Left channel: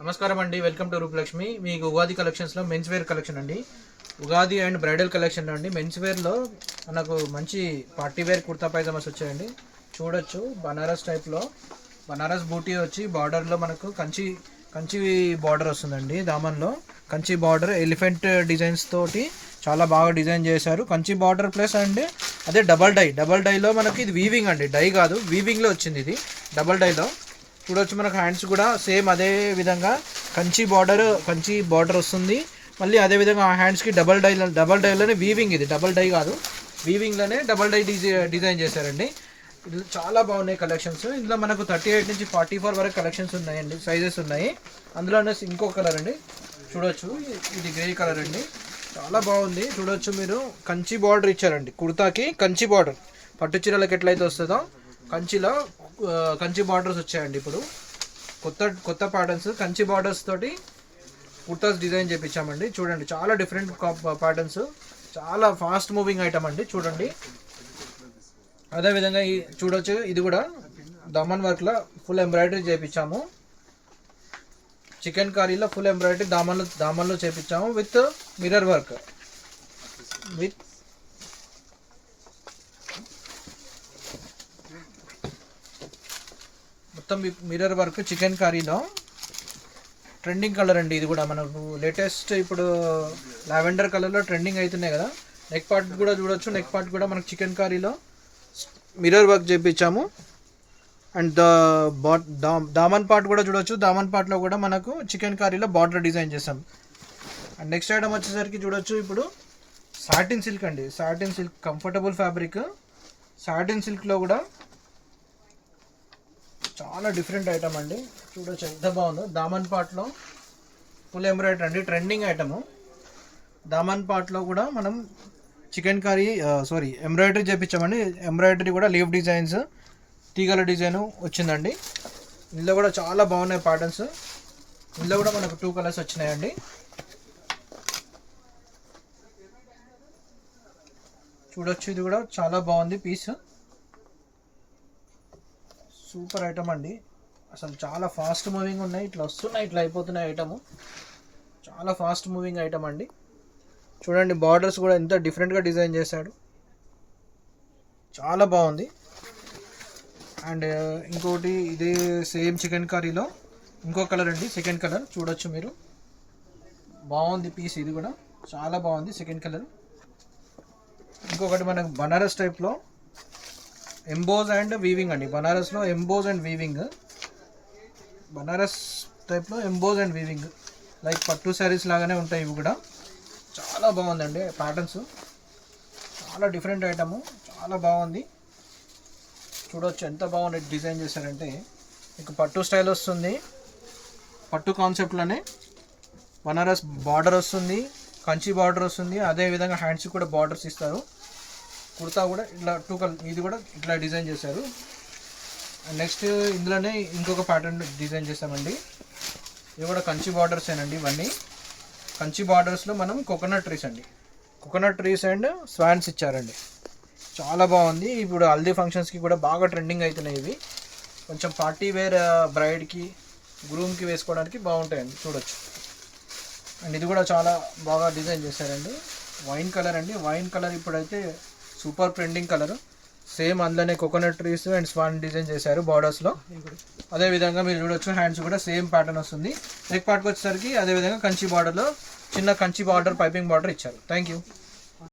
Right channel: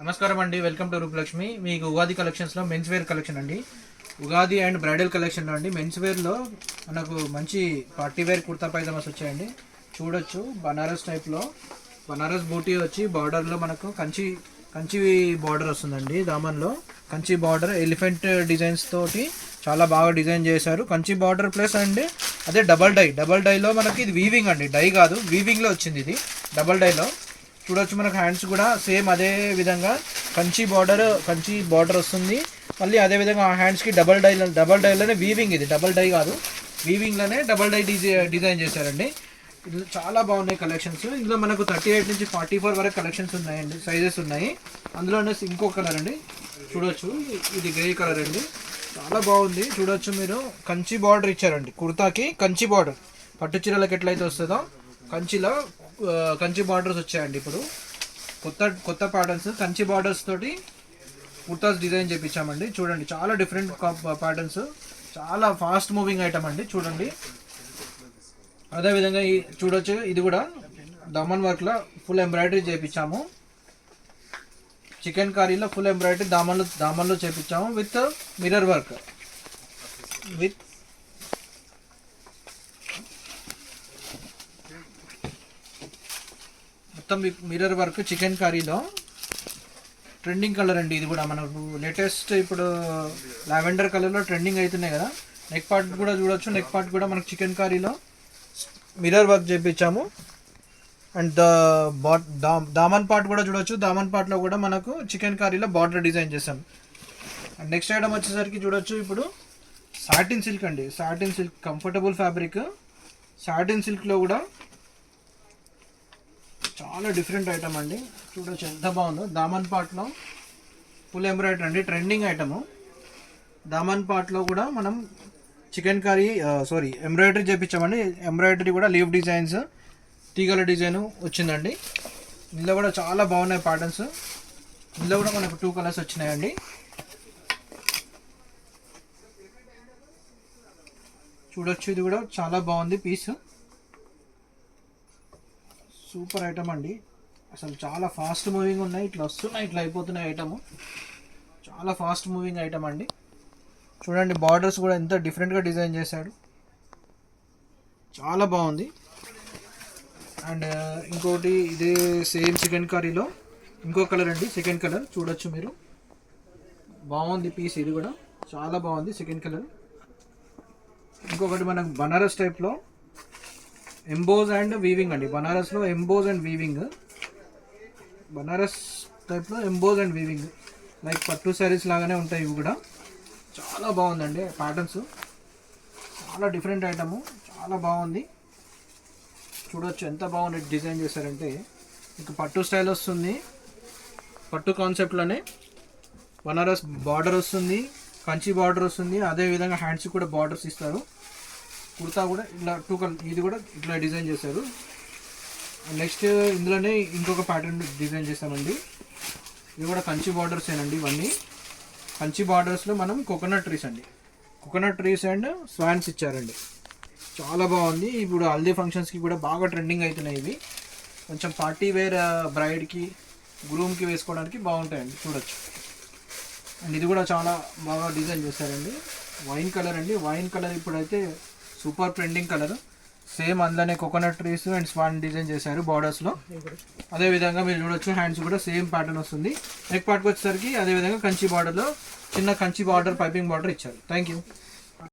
నమస్కారం అండి, welcome to Rupalakshmi. మీకు ఉగాది కలెక్షన్స్లో మెన్స్ వేర్ కలెక్షన్ అండి. ఉగాది అండ్ బ్రైడల్ కలెక్షన్లో అండి మెన్స్ వేర్లో మనకు మంచి పార్టీ వేర్ కుర్తా పైజామాస్ వచ్చాయండి. చూడొచ్చు బనారస్ టైప్లో, బనారస్ బూటీ వచ్చి బార్డర్లో మనకు కంచి కంచి బార్డర్ వస్తుందండి. దామన్లో కంచి బార్డర్ ఎలిఫెంట్ డిజైన్స్ తోటి చాలా బాగా డిజైన్ చేశారు. కంచి బార్డర్ ప్లస్ అండి అదే డబల్ డైలో మనకి ఇది వీవింగ్ అండి, డై కాదు వీవింగ్లో వచ్చింది. ఇది డబల్ డైలో చూడొచ్చు. మనకు హ్యాండ్స్ కూడా సేమ్ అదే విధంగా కంచి బార్డర్ వస్తుంది. మళ్ళీ అదే విధంగా ఆ హ్యాండ్స్కి డబల్ డైలోనే వీవింగ్, ఇది డబల్ డై కాదు వీవింగ్లోనే డబల్ డై డిజైన్ చేశారండి. ఇది చాలా బాగున్నాయి కలెక్షన్స్. ఇందులో మనకు 38 నుంచి 44 వరకు కలెక్షన్స్ ఉన్నాయండి, సైజెస్ ఉన్నాయి. అందులోనే ఇంకో కలర్ అండి చూడొచ్చు, ఇది గ్రే కలర్ అండి, చాలా బాగుంది. చూడొచ్చు మీరు కంచి బార్డర్ ఇచ్చారండి కుర్తాకి. కంచి బార్డర్ పట్టు చీరలకు ఎట్లయితే వస్తుందో కంచిలో కంచి బార్డర్స్ వచ్చాయండి. ఇప్పుడు కొత్త ప్యాటర్న్స్ కంచి బార్డర్స్ తోటి కుర్తాస్ డిజైన్ చేయించామండి. చూడండి చాలా డిఫరెంట్ ప్యాటర్న్స్, చాలా ఫాస్ట్ మూవింగ్ ఐటమ్ అండి. చూడండి అదేవిధంగా చూడొచ్చు, ఇది కూడా దమన్ వర్క్లో ఫుల్ ఎంబ్రాయిడరీ చేయించాము. చికెన్ కర్రీలో ఫుల్ ఎంబ్రాయిడరీ దామన్లో చేయించాము విత్ మిర్రర్ వర్క్, మొత్తం మిర్రర్ వర్క్ చికెన్ కర్రీలో. ట్రెండింగ్ కలర్ అండి ఇది కూడా, మనకు లేటెస్ట్ ఇప్పుడు లావెండర్ కలర్లో ట్రెండింగ్ అవుతున్నాయి కదా. నెక్ పార్ట్ కూడా చూడొచ్చు, నెక్ పార్ట్ కూడా మనకు చికెన్ కర్రీలో మిర్రర్ వర్క్ చేయించాము. అండ్ దామన్ పార్ట్ కూడా చూడొచ్చు, దామన్ పార్ట్లో కూడా మనకు చికెన్ కర్రీలో బార్డర్ డిజైన్ చేసాం. అండ్ నెక్స్ట్ ఐటమ్ వచ్చేసరికి చూడొచ్చు, ఇప్పుడు సాటిన్ సిల్క్ అండి, satin silk comfortable fabric. Satin సిల్క్లో కూడా చాలా డిఫరెంట్ ఐటమ్ అండి. చూడొచ్చు ఎంత బాగుందో. దామన్ పార్ట్లో ఫుల్ ఎంబ్రాయిడరీ అండి, ట్రెండింగ్ ఐటము. దామన్ పార్ట్లో కూడా మనం చికెన్ కర్రీ ఎంబ్రాయిడరీ చేయించామండి. ఎంబ్రాయిడరీ కూడా లీవ్ డిజైన్స్, తీగల డిజైన్ వచ్చిందండి. ఇందులో కూడా చాలా బాగున్నాయి ప్యాటర్న్స్. ఇందులో కూడా మనకు 2 కలర్స్ వచ్చినాయండి. చూడొచ్చు ఇది కూడా చాలా బాగుంది పీస్, సూపర్ ఐటమ్ అండి. అసలు చాలా ఫాస్ట్ మూవింగ్ ఉన్నాయి, ఇట్లా వస్తున్నాయి ఇట్లా అయిపోతున్నాయి ఐటమ్, చాలా ఫాస్ట్ మూవింగ్ ఐటమ్ అండి. చూడండి బార్డర్స్ కూడా ఎంత డిఫరెంట్గా డిజైన్ చేశాడు, చాలా బాగుంది. అండ్ ఇంకోటి ఇదే సేమ్ చికెన్ కర్రీలో ఇంకో కలర్ అండి, సెకండ్ కలర్ చూడొచ్చు మీరు, బాగుంది పీస్, ఇది కూడా చాలా బాగుంది సెకండ్ కలర్. ఇంకొకటి మనకు బనారస్ టైప్లో ఎంబోజ్ అండ్ వీవింగ్ అండి, బనారస్లో ఎంబోజ్ అండ్ వీవింగ్, బనారస్ టైప్లో ఎంబోజ్ అండ్ వీవింగ్ లైక్ పట్టు శారీస్ లాగానే ఉంటాయి ఇవి కూడా. చాలా బాగుందండి ప్యాటర్న్స్, చాలా డిఫరెంట్ ఐటము, చాలా బాగుంది. చూడొచ్చు ఎంత బాగుంది డిజైన్ చేశారంటే. మీకు పట్టు స్టైల్ వస్తుంది, పట్టు కాన్సెప్ట్లోనే బనారస్ బార్డర్ వస్తుంది, కంచి బార్డర్ వస్తుంది. అదేవిధంగా హ్యాండ్స్ కూడా బార్డర్స్ ఇస్తారు. కుర్తా కూడా ఇట్లా 2 కలర్, ఇది కూడా ఇట్లా డిజైన్ చేశారు. నెక్స్ట్ ఇందులోనే ఇంకొక ప్యాటర్న్ డిజైన్ చేసామండి. ఇది కూడా కంచి బార్డర్స్ ఏనండి. ఇవన్నీ కంచి బార్డర్స్లో మనం కోకోనట్ ట్రీస్ అండి, కోకోనట్ ట్రీస్ అండ్ స్వాన్స్ ఇచ్చారండి. చాలా బాగుంది. ఇప్పుడు హల్దీ ఫంక్షన్స్కి కూడా బాగా ట్రెండింగ్ అవుతున్నాయి ఇవి. కొంచెం పార్టీ వేర్ బ్రైడ్కి గ్రూమ్కి వేసుకోవడానికి బాగుంటాయండి. చూడొచ్చు. అండ్ ఇది కూడా చాలా బాగా డిజైన్ చేశారండి. వైన్ కలర్ అండి, వైన్ కలర్ ఇప్పుడైతే సూపర్ ట్రెండింగ్ కలర్. సేమ్ అందులోనే coconut trees and Schwann design చేశారు బార్డర్స్లో. అదేవిధంగా మీరు చూడొచ్చు హ్యాండ్స్ కూడా సేమ్ ప్యాటర్న్ వస్తుంది. నెక్ పార్ట్కి వచ్చేసరికి అదేవిధంగా కంచి బార్డర్లో చిన్న కంచి బార్డర్ పైపింగ్ బార్డర్ ఇచ్చారు. Thank you.